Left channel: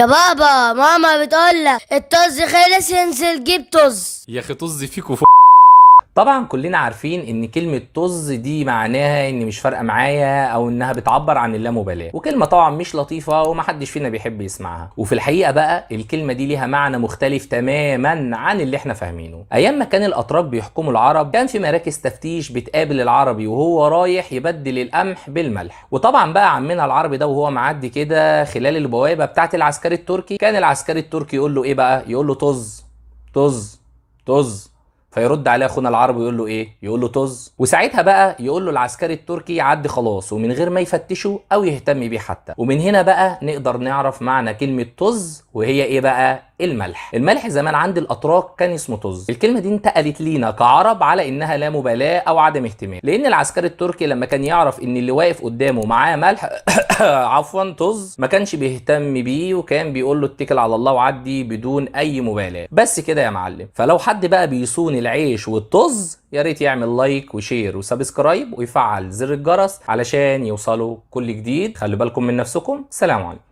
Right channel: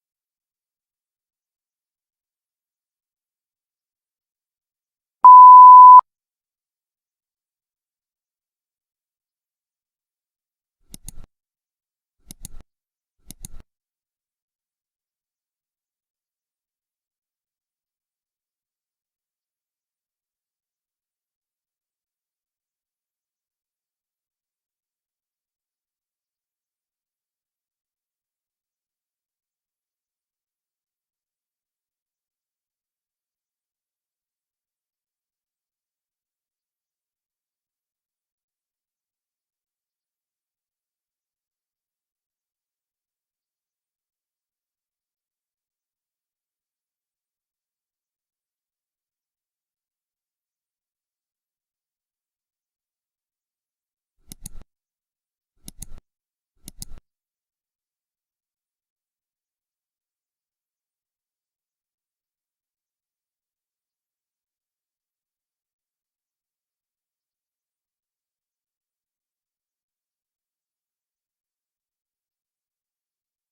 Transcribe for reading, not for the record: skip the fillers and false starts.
يا بابا ماما بتقولك الطز خلص انزل جيب طز. يا اخي طز فيك طبعا كلنا عارفين ان كلمة طز دي معناها ان مش فارقة معايا او انها بتعبر عن اللامبالاة، وكلمة طبعا مش لطيفة ومحدش فينا بيحب يسمعها. وفي الحقيقة بقى الكلمة دي ليها معنى مختلف تماما عن اللي احنا فاهمينه. ايام ما كان الاتراك بيحكموا العرب كان في مراكز تفتيش بتقابل العربي وهو رايح يبدل القمح بالملح. وطبعا بقى عمنا العربي ده وهو معدي كده خلال البوابة بتاعت العسكري التركي، كان العسكري التركي يقول له ايه بقى؟ يقول له طز طز طز. فيرد عليه اخونا العربي يقول له ايه؟ يقول له طز. وساعتها بقى يقول له العسكري التركي يعدي خلاص ومن غير ما يفتشه او يهتم بيه حتى. ومن هنا بقى نقدر نعرف معنى كلمة طز، وهي ايه بقى؟ الملح. الملح زمان عند الاتراك كان اسمه طز. الكلمة دي انتقلت لينا كعرب على انها لا مبالاة او عدم اهتمام، لان العسكري التركي لما كان يعرف ان اللي واقف قدامه معاه ملح عفوا طز، ما كانش بيهتم بيه وكان بيقول له اتكل على الله وعدي بدون اي مبالاة. بس كده يا معلم. فلو حد بقى بيصون العيش والطز يا ريت يعمل لايك وشير وسبسكرايب ويفعل زر الجرس علشان يوصلوا كل جديد. خلوا بالكم من نفسكم. سلام عليكم.